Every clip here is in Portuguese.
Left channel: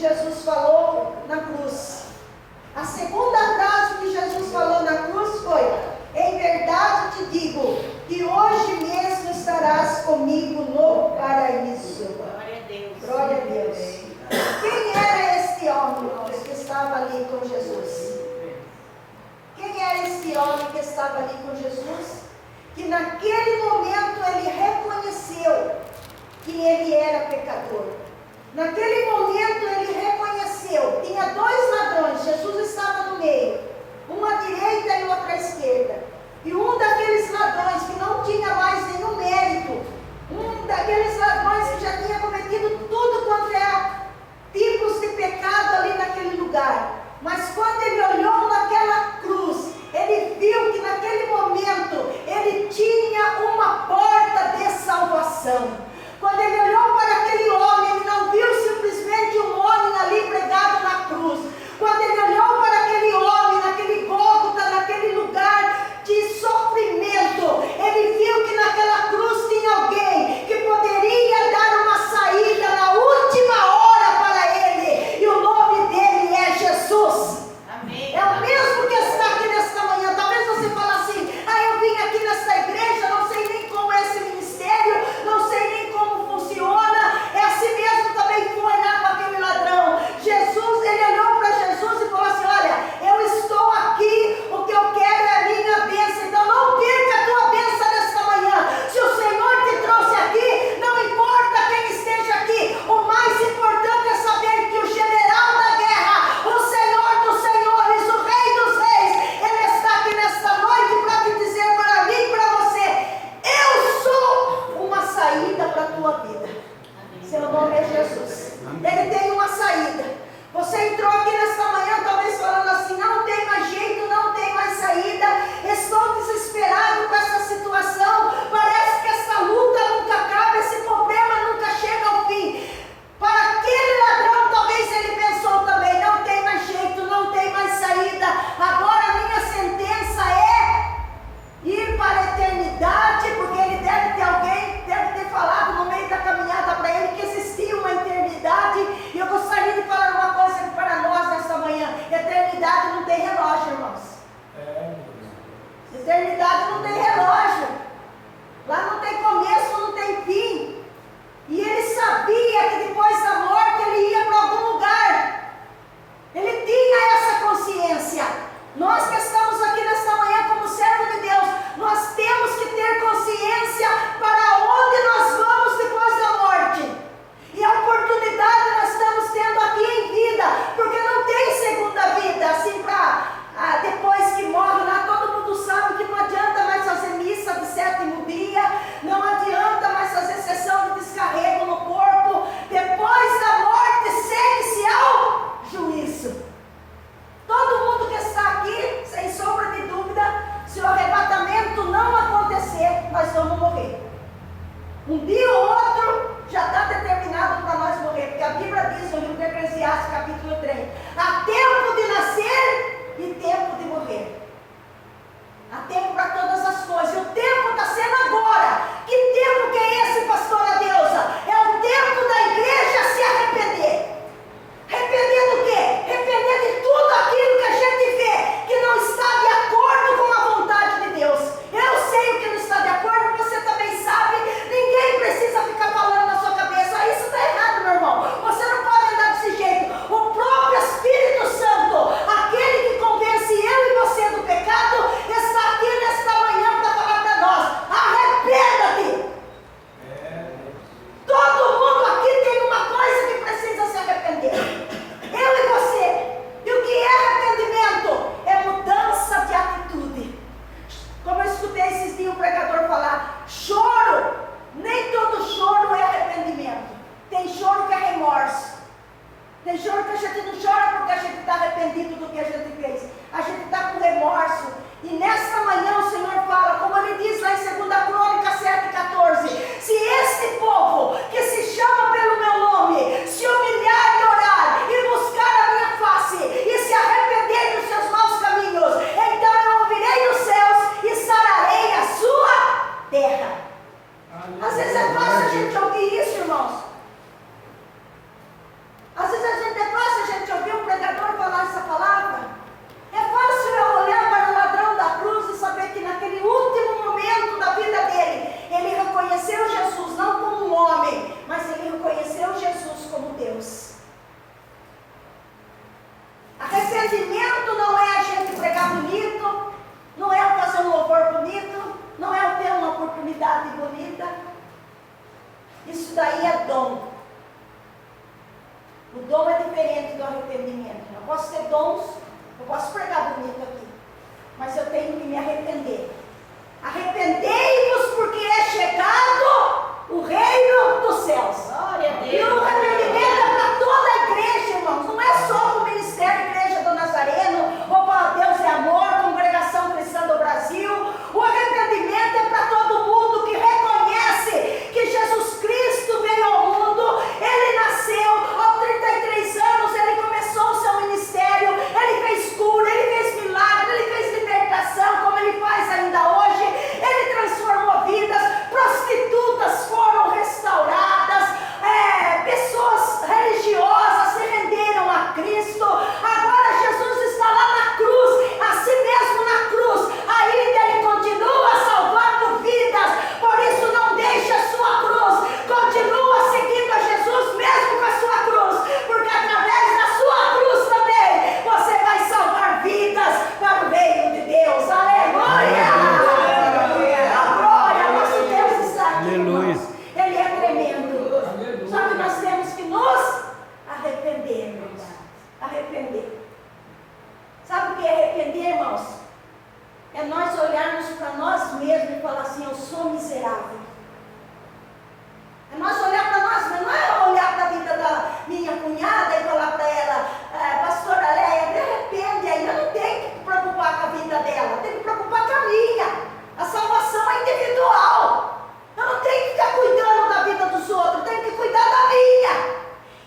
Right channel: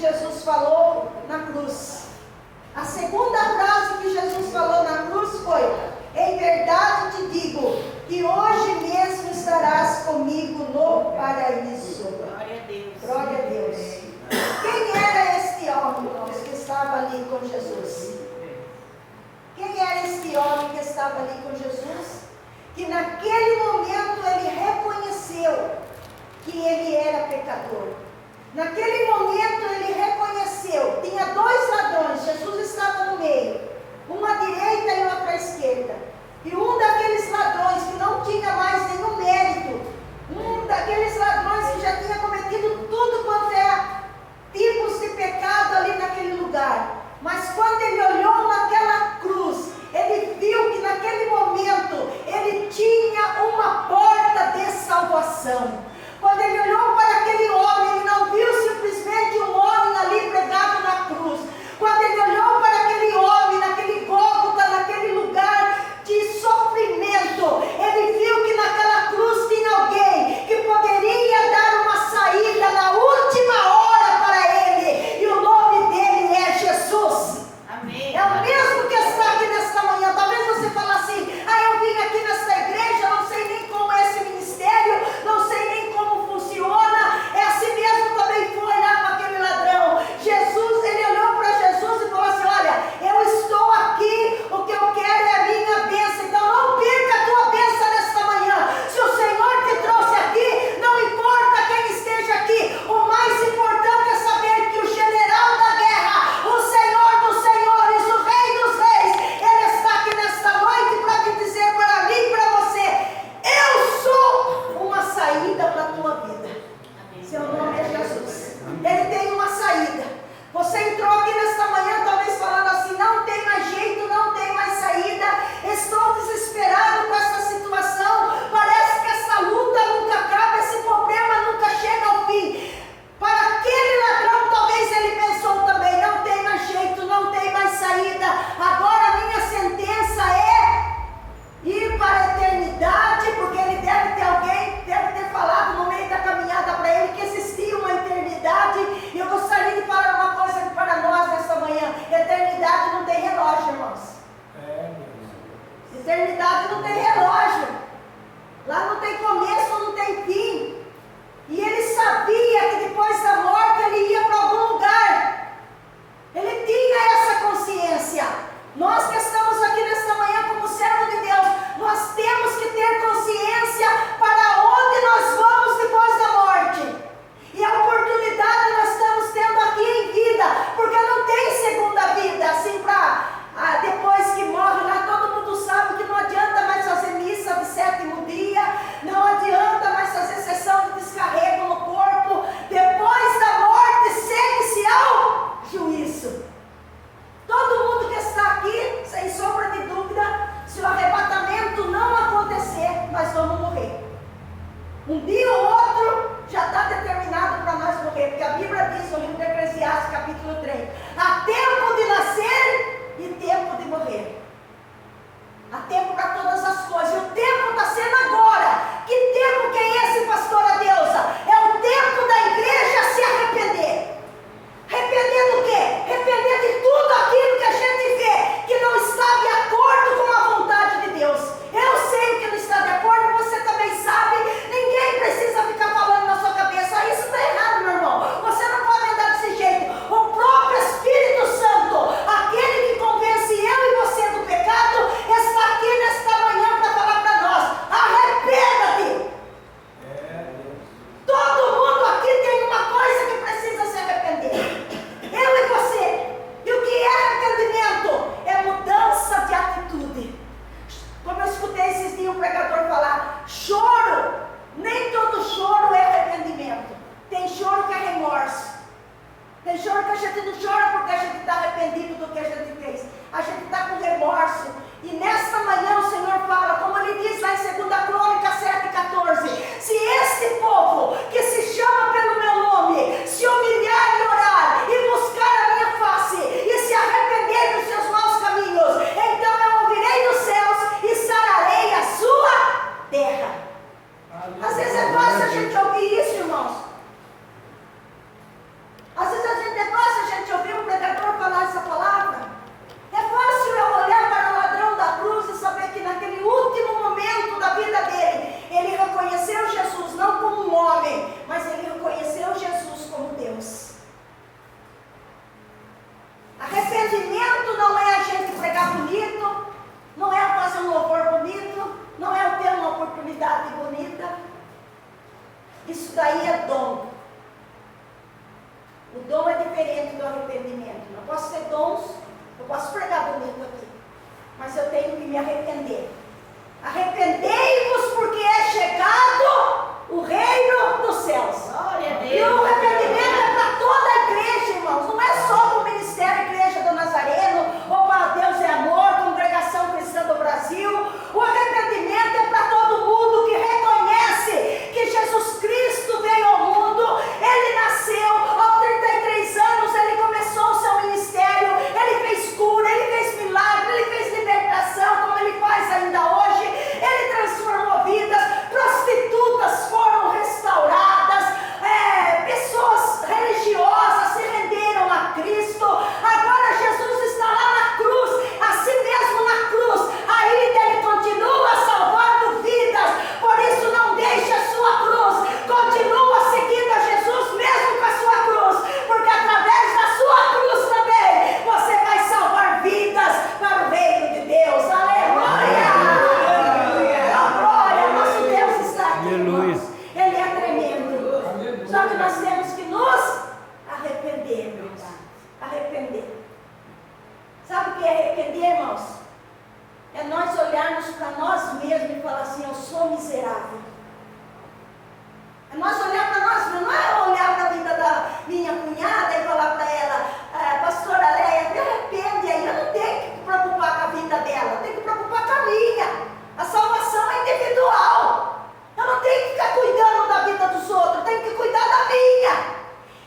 Jesus falou na cruz. A segunda frase que Jesus falou na cruz foi: em verdade te digo, que hoje mesmo estarás comigo no paraíso. Glória a Deus. Glória a Deus. Quem era este homem, irmãos, que estava ali com Jesus? Quem era este homem que estava ali com Jesus? Que naquele momento ele reconheceu que ele era pecador. Naquele momento ele reconheceu, tinha dois ladrões, Jesus estava no meio, um à direita e outro à esquerda. E um daqueles ladrões que não tinha mais nenhum mérito, um daqueles ladrões que já tinha cometido tudo quanto é tipos de pecado ali naquele lugar. Mas quando ele olhou naquela cruz, ele viu que naquele momento ele tinha uma porta de salvação. Quando ele olhou para aquele homem, ele não viu simplesmente um homem ali pregado na cruz. Quando ele olhou para aquele homem, naquele Gólgota, naquele lugar de sofrimento, ele viu que naquela cruz tinha alguém que poderia dar uma saída na última hora para ele. E o nome dele é Jesus. Amém. É o mesmo que está aqui nesta manhã. Talvez você fale assim: eu vim aqui nesta igreja, não sei nem como é esse ministério, não sei nem como funciona. É assim mesmo também foi lá com aquele ladrão. Jesus, ele olhou para Jesus e falou assim: olha, eu estou aqui, o que eu quero é a minha bênção. Então não perca a tua bênção nesta manhã. Se o Senhor te trouxe aqui, não importa quem esteja aqui, o mais importante é saber que o general da guerra, o Senhor dos senhores, o Rei dos reis, ele está aqui nesta noite para te dizer para mim e para você: eu sou uma saída para a tua vida. Seu nome é Jesus. Ele tem uma saída. Você entrou aqui nesta manhã talvez falando assim: não tem mais jeito, não tem mais saída, estou desesperado com essa situação, parece que essa luta nunca acaba, esse problema nunca chega ao fim. Para aquele ladrão talvez ele pensou também: não tem mais jeito, não tem mais saída, agora a minha sentença é ir para a eternidade, porque ele deve ter falado no meio da caminhada para ele que existia uma eternidade. E eu gostaria de falar uma coisa para nós nesta manhã: eternidade não tem relógio, irmãos. Eternidade não tem relógio. Lá não tem começo, não tem fim. E ele sabia que depois da morte ele ia para algum lugar. Ele tinha essa consciência. Nós que estamos aqui nesta manhã como servo de Deus, nós temos que ter consciência para onde nós vamos depois da morte. E a oportunidade nós estamos tendo aqui em vida, porque não tem segunda vida, assim para depois que morre lá, todo mundo sabe que não adianta mais fazer missa de sétimo dia, não adianta mais fazer sessão de descarrego no corpo. Depois da morte segue-se ao juízo. Todo mundo que está aqui, sem sombra de dúvida, se o arrebatamento não acontecer, nós vamos morrer. Um dia ou outro já está determinado para nós morrer, porque a Bíblia diz no livro de Eclesiastes, capítulo 3, há tempo de nascer e tempo de morrer. Há tempo para todas as coisas, e o tempo está sendo agora. Que tempo que é esse, pastora Deusa? É o tempo da igreja se arrepender. Arrepender do quê? Arrepender de tudo aquilo que a gente vê que não está de acordo com a vontade de Deus. Eu sei o que não está de acordo, você também sabe. Ninguém precisa ficar falando na sua cabeça: isso está errado, meu irmão, você não pode andar desse jeito. O próprio Espírito Santo, aquele que convence eu e você do pecado, está aqui nesta manhã para falar para nós: arrependa-te. Todo mundo aqui tem uma coisa que precisa se arrepender. Eu e você. E o que é arrependimento? É mudança de atitude. Como eu escutei esses dias um pregador falar: choro, nem todo choro é arrependimento. Tem choro que é remorso. Tem choro que a gente não chora porque a gente está arrependido do que a gente fez. A gente está com remorso. E nesta manhã o Senhor fala, como ele diz lá em 2 Crônicas 7,14: se este povo que se chama pelo meu nome se humilhar e orar e buscar a minha face e se arrepender dos seus maus caminhos, então eu ouvirei dos céus e sararei a sua terra. Às vezes é fácil a gente ouvir isso, irmãos. Às vezes a gente é Eu posso ter dons, eu posso pregar bonito aqui, mas eu tenho que me arrepender. Arrependei-vos porque é chegado o reino dos céus. E o arrependimento é para toda a igreja, irmãos. Não é só para o Ministério Igreja do Nazareno, ou para Deus é Amor, Congregação Cristã do Brasil. O arrependimento é para todo mundo que reconhece que Jesus Cristo veio ao mundo. Ele nasceu aos 33 anos, ele começou o seu ministério, ele fez cura, ele fez milagre, ele fez libertação, como ele faz ainda hoje. Ele transformou vidas, prostitutas foram restauradas, pessoas religiosas se renderam a Cristo. Agora Jesus está lá na cruz, assim mesmo na cruz, ainda ele continua salvando vidas. Por isso não deixe a sua cruz, continua seguindo a Jesus mesmo com a sua cruz, porque através da sua cruz também você vai salvar vidas para o reino de Deus. Aleluia! Nosso Deus está aqui. Aleluia. Ele é tremendo. Só que nós temos que nos arrepender, irmãos. Arrepender. Sabe o que é arrepender, irmãos? É nós olharmos para nós mesmos e falar assim: eu sou miserável. É nós olhar para nós mesmos, não é olhar para a vida da minha cunhada e falar para ela: pastora Leia, me arrepende aí. Eu não tenho que me preocupar com a vida dela, eu tenho que me preocupar com a minha. A salvação é individual. Eu não tenho que ficar cuidando da vida dos outros, eu tenho que cuidar da minha.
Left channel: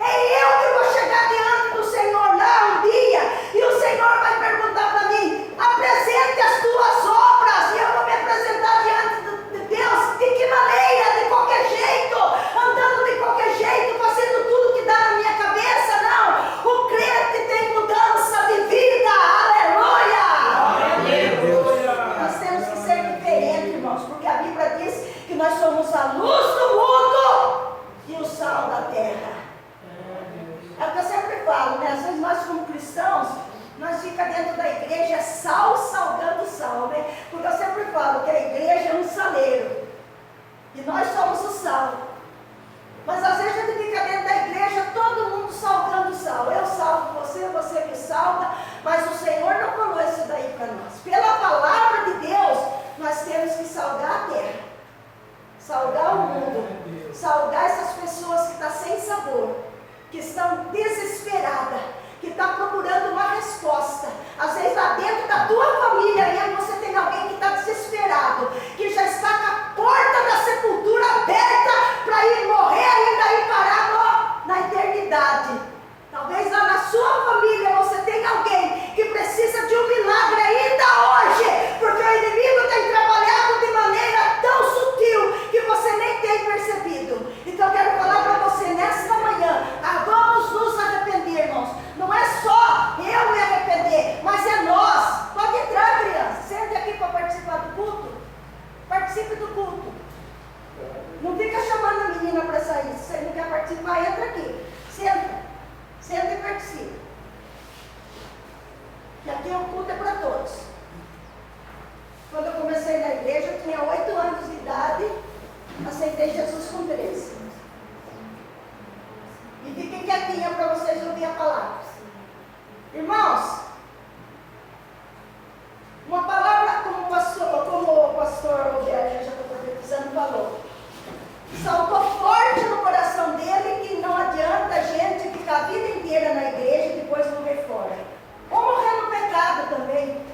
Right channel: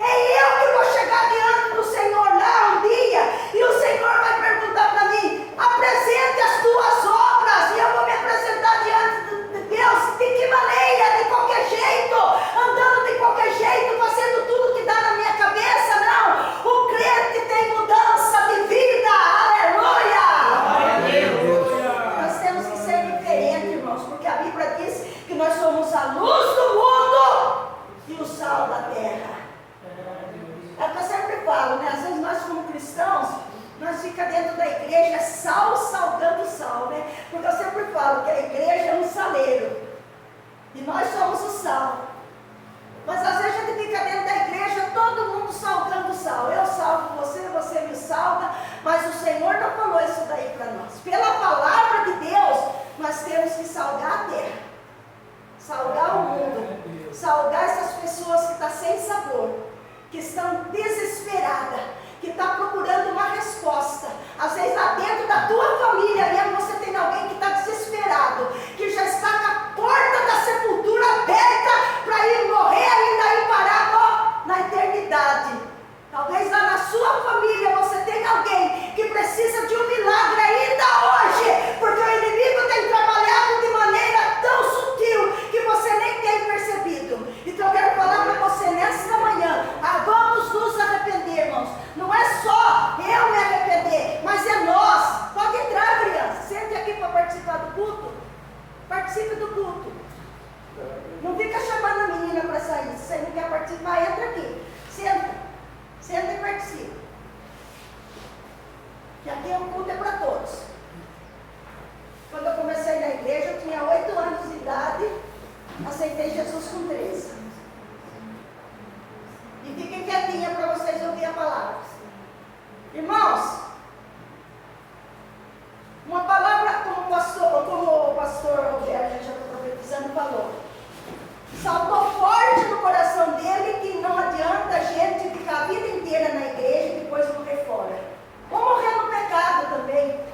É eu que vou chegar diante do Senhor lá um dia, e o Senhor vai perguntar para mim: apresente as tuas obras, e eu vou me apresentar diante de Deus. De que maneira? De qualquer jeito, andando de qualquer jeito, fazendo tudo que dá na minha cabeça? Não. O crente tem mudança de vida. Aleluia! Meu Deus. Nós temos que ser diferentes, irmãos, porque a Bíblia diz que nós somos a luz do mundo e o sal da terra. É o que eu sempre falo, né? Às vezes nós, como cristãos, nós ficamos dentro da igreja sal salgando sal, né? Porque eu sempre falo que a igreja é um saleiro e nós somos o sal. Mas às vezes a gente fica dentro da igreja, todo mundo salgando sal. Eu salvo você, você me salva, mas o Senhor não falou isso daí para nós. Pela palavra de Deus, nós temos que salgar a terra, salgar o mundo, salgar essas pessoas que estão sem sabor, que estão desesperadas, que estão procurando uma resposta. Às vezes lá dentro da tua família mesmo você tem alguém que está desesperado, que já está com a porta da sepultura aberta para ir morrer ainda e parar na eternidade. Talvez lá na sua família você tenha alguém que precisa de um milagre ainda hoje, porque o inimigo tem trabalhado de maneira tão sutil que você nem tem percebido. Então eu quero falar para você nesta manhã: vamos nos arrepender, irmãos. Não é só eu me arrepender, mas é nós. Pode entrar, criança, sente aqui para participar do culto. Participe do culto. Não fica chamando a menina para sair. Se você não quer participar, entra aqui. Senta e participe. Que aqui o culto é para todos. Quando eu comecei na igreja, eu tinha 8 anos de idade, aceitei Jesus com 13. E fiquem quietinha para vocês ouvir a palavra. Irmãos, uma palavra como o pastor Roberto, já estou profetizando, falou. Saltou forte no coração dele que não adianta a gente ficar a vida inteira na igreja e depois morrer fora. Ou morrer no pecado também,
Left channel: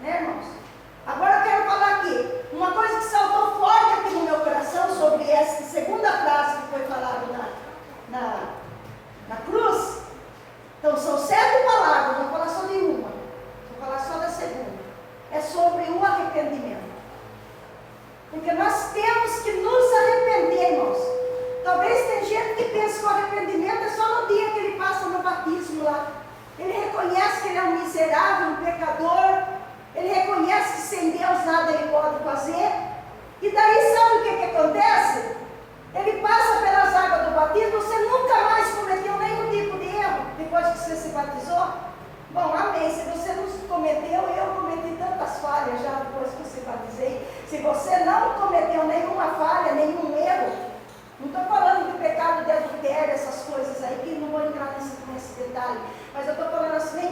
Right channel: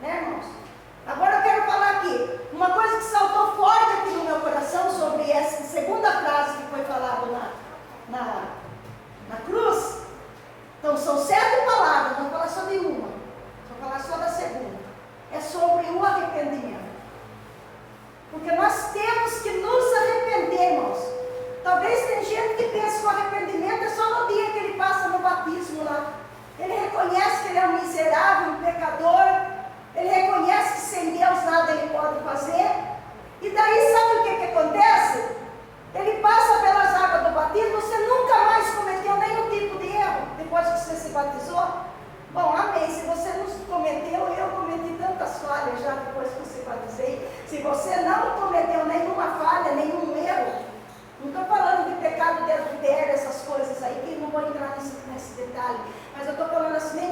né, irmãos? Agora eu quero falar aqui, uma coisa que saltou forte aqui no meu coração sobre essa segunda frase que foi falada na cruz. Então são 7 palavras, não vou falar só de uma, vou falar só da segunda. É sobre o arrependimento. Porque nós temos que nos arrepender, irmãos. Talvez tem gente que pensa que o arrependimento é só no dia que ele passa no batismo lá. Ele reconhece que ele é um miserável, um pecador. Ele reconhece que sem Deus nada ele pode fazer. E daí sabe o que acontece? Ele passa pelas águas do batismo, você nunca mais cometeu nenhum tipo de erro depois que você se batizou. Bom, amém. Se você não cometeu, eu cometi tantas falhas já depois que eu se batizei. Se você não cometeu nenhuma falha, nenhum erro, não estou falando de pecado de adultério, essas coisas aí, que não vou entrar nesse detalhe, mas eu estou falando assim,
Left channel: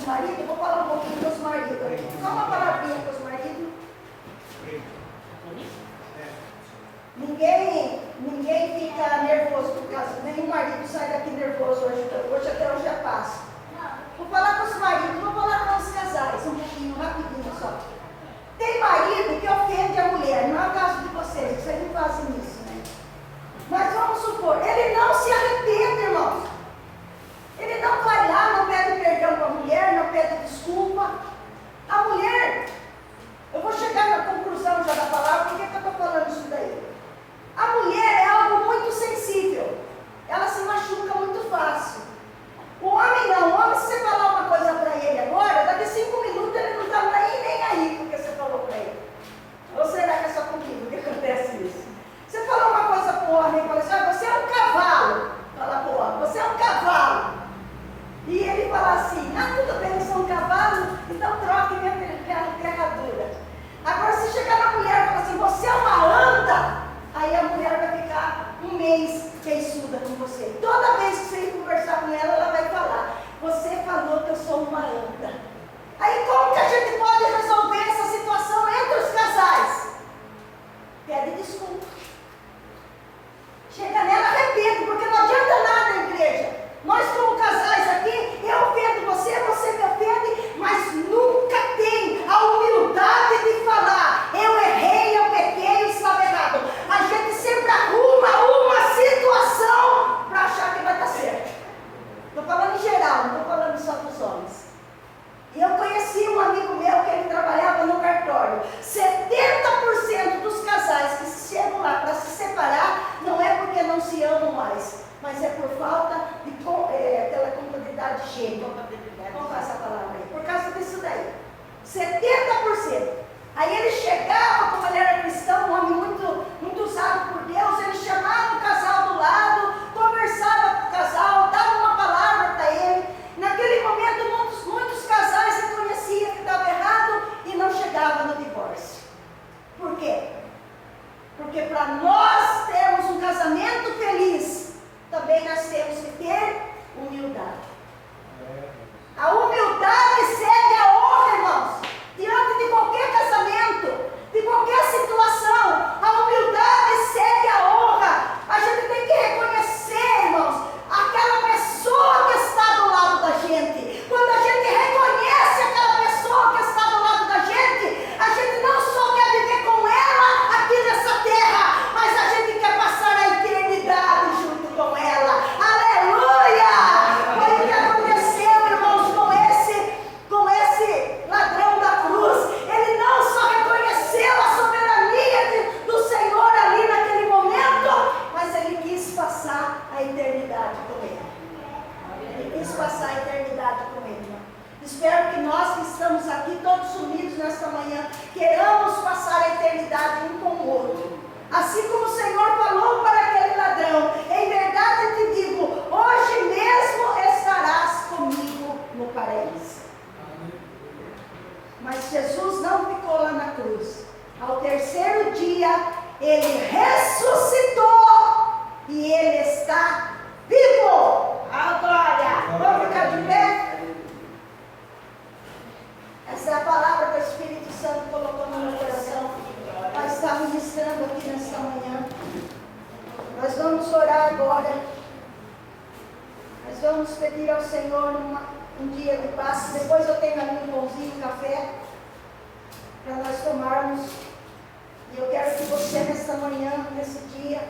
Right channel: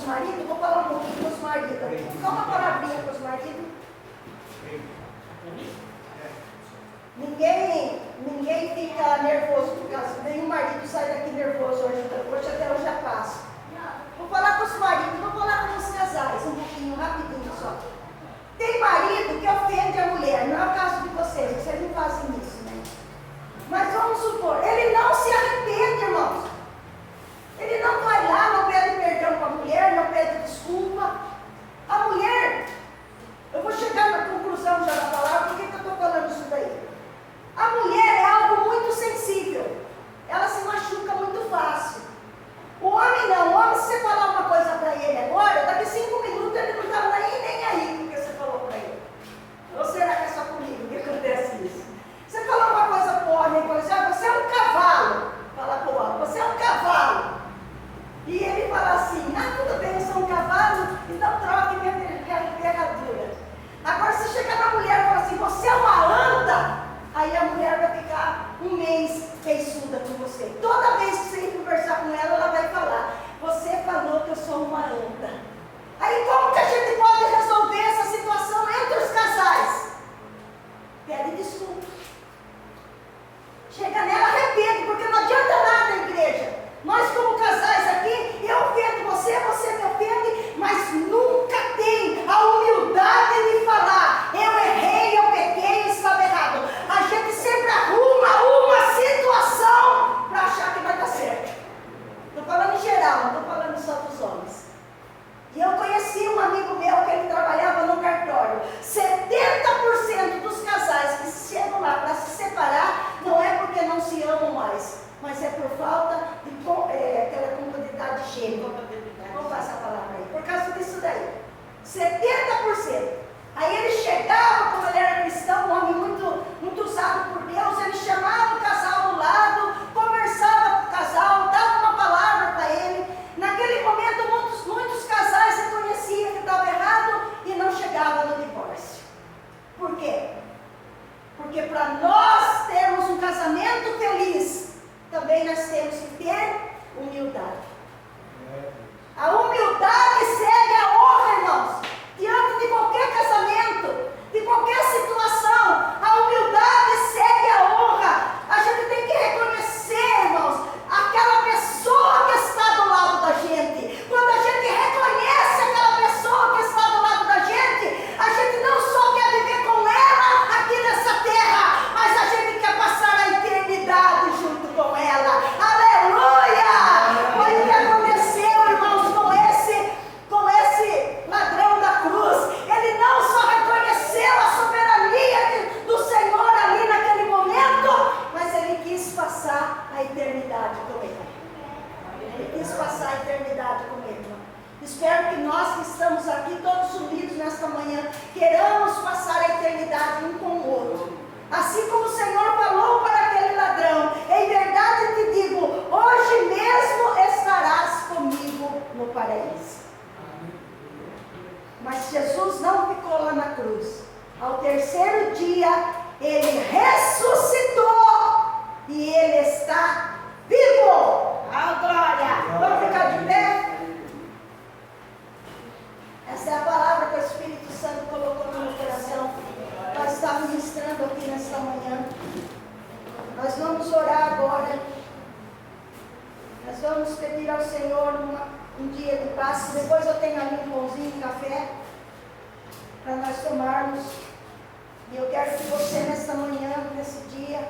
dos maridos, vou falar um pouquinho dos maridos. Só uma palavrinha para os maridos. Ninguém fica nervoso por causa, nenhum marido sai daqui nervoso hoje até hoje já passa. Vou falar com os maridos, vou falar com os casais, um pouquinho, rapidinho só. Tem marido que ofende a mulher, não é o caso de vocês não fazem isso, né? Mas vamos supor, ele não se arrepende, irmãos. Ele não vai lá, não pede perdão para a mulher, não pede desculpa. A mulher, eu vou chegar na conclusão já da palavra, por que eu estou falando isso daí? A mulher é algo muito sensível, ela se machuca muito fácil. O homem não, o homem, se você falar uma coisa para ele agora, daqui 5 minutos ele não está nem aí porque você falou para ele. Ou será que é só comigo que acontece isso? Você falou uma coisa para o homem, fala assim, você é um cavalo. Fala para o homem, você é um cavalo. E ele fala assim, tudo bem, eu sou um cavalo, então troque minha ferradura. Agora se chegar na mulher e falar assim, você é uma anta, aí a mulher vai ficar um mês feiçuda com você. Toda vez que você ir conversar com ela, ela vai falar, você falou que eu sou uma anta. Aí como que a gente pode resolver essa situação entre os casais? Pede desculpa. Chega nela, arrepende, porque não adianta nada, igreja. Nós como casais aqui, eu ofendo você, você me ofende, mas nunca tem a humildade de falar, eu errei, eu pequei, eu estava errado. A gente sempre arruma uma situação para achar que vai dar certo. Estou falando em geral, não estou falando só dos homens. E eu conheci um amigo meu que ele trabalhava no cartório. 70% dos casais que chegam lá para se separar, não é porque não se amam mais, mas é por falta de aquela compatibilidade gênica. Vamos passar a palavra aí. Por causa disso daí. 70%. Aí ele chegava, como ele era cristão, um homem muito usado por Deus, ele chamava o casal do lado, conversava com o casal, dava uma palavra para ele. Naquele momento, muitos casais reconheciam que estava errado e não chegavam no divórcio. Por quê? Porque para nós termos um casamento feliz, também nós temos que ter humildade. A humildade segue a honra, irmãos. Diante de qualquer casamento, de qualquer situação, a humildade segue a honra. A gente tem que reconhecer, irmãos, aquela pessoa que está do lado da gente. Quando a gente reconhece aquela pessoa que está do lado da gente, a gente não só quer viver com ela aqui nessa terra, mas a gente quer passar a eternidade junto com ela. Aleluia! Foi o que aconteceu, irmãos, com esse ladrão da cruz. Ele não só reconheceu a soberania do Senhor ali naquele momento, mas ele quis passar a eternidade com ele. Ele quis passar a eternidade com ele. Espero que nós que estamos aqui todos unidos nesta manhã, queiramos passar a eternidade um com o outro. Assim como o Senhor falou para aquele ladrão, em verdade eu te digo, hoje mesmo estarás comigo no paraíso. Mas Jesus não ficou lá na cruz. Ao terceiro dia, ele ressuscitou e ele está vivo. A glória! Vamos ficar de pé? Essa é a palavra que o Espírito Santo colocou no meu coração. Nós estamos ministrando aqui nesta manhã. Nós vamos orar agora. Nós vamos pedir ao Senhor um dia de paz. Depois eu tenho ali um pãozinho e café para nós tomarmos. E eu quero que você nesta manhã, nesse dia,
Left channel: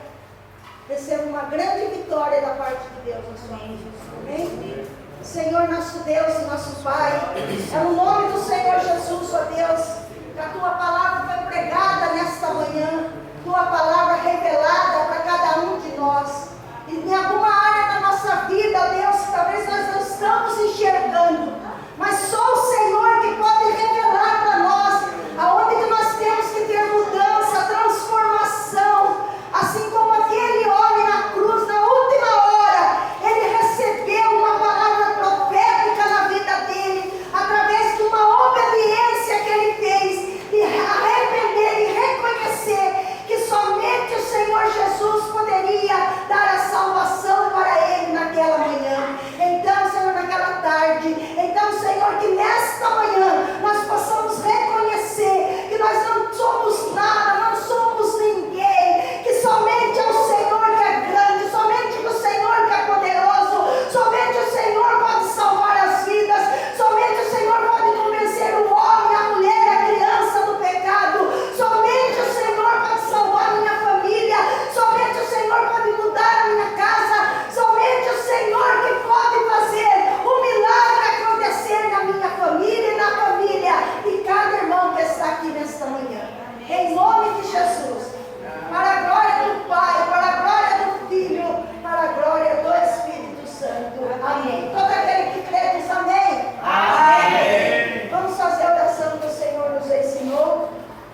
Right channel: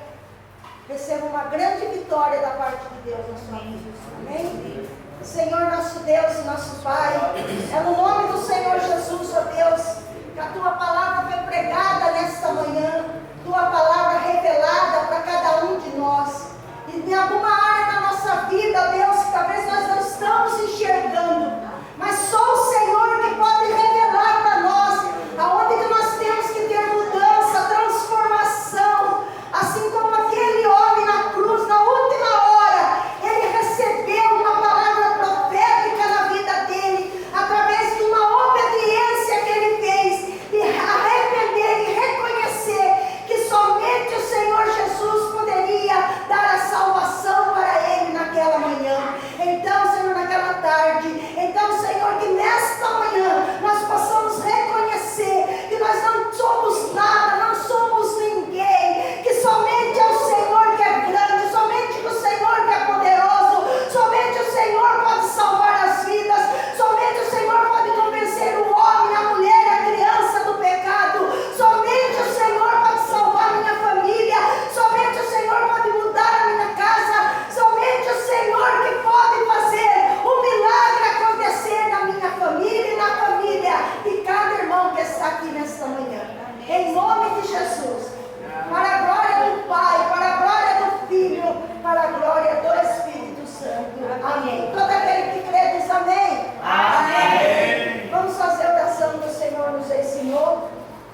receba uma grande vitória da parte de Deus na sua vida. Amém? Senhor nosso Deus e nosso Pai, é no nome do Senhor Jesus, ó Deus, que a Tua palavra foi pregada nesta manhã, Tua palavra revelada para cada um de nós. E em alguma área da nossa vida, Deus, talvez nós não estamos enxergando, mas só o Senhor que pode revelar para nós aonde que nós temos que ter mudança, transformação, assim como aquele homem na cruz, na última hora, ele recebeu uma palavra profética na vida dele, através de uma obediência que ele fez, e a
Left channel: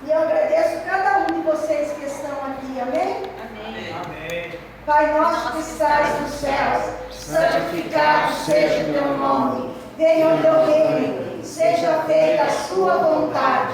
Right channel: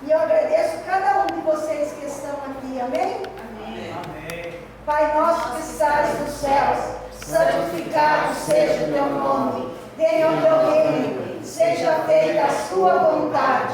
E eu agradeço cada um de vocês que estão aqui. Amém? Amém. Pai nosso que estás nos céus, santificado seja o teu nome. Venha o teu reino, seja feita a sua vontade,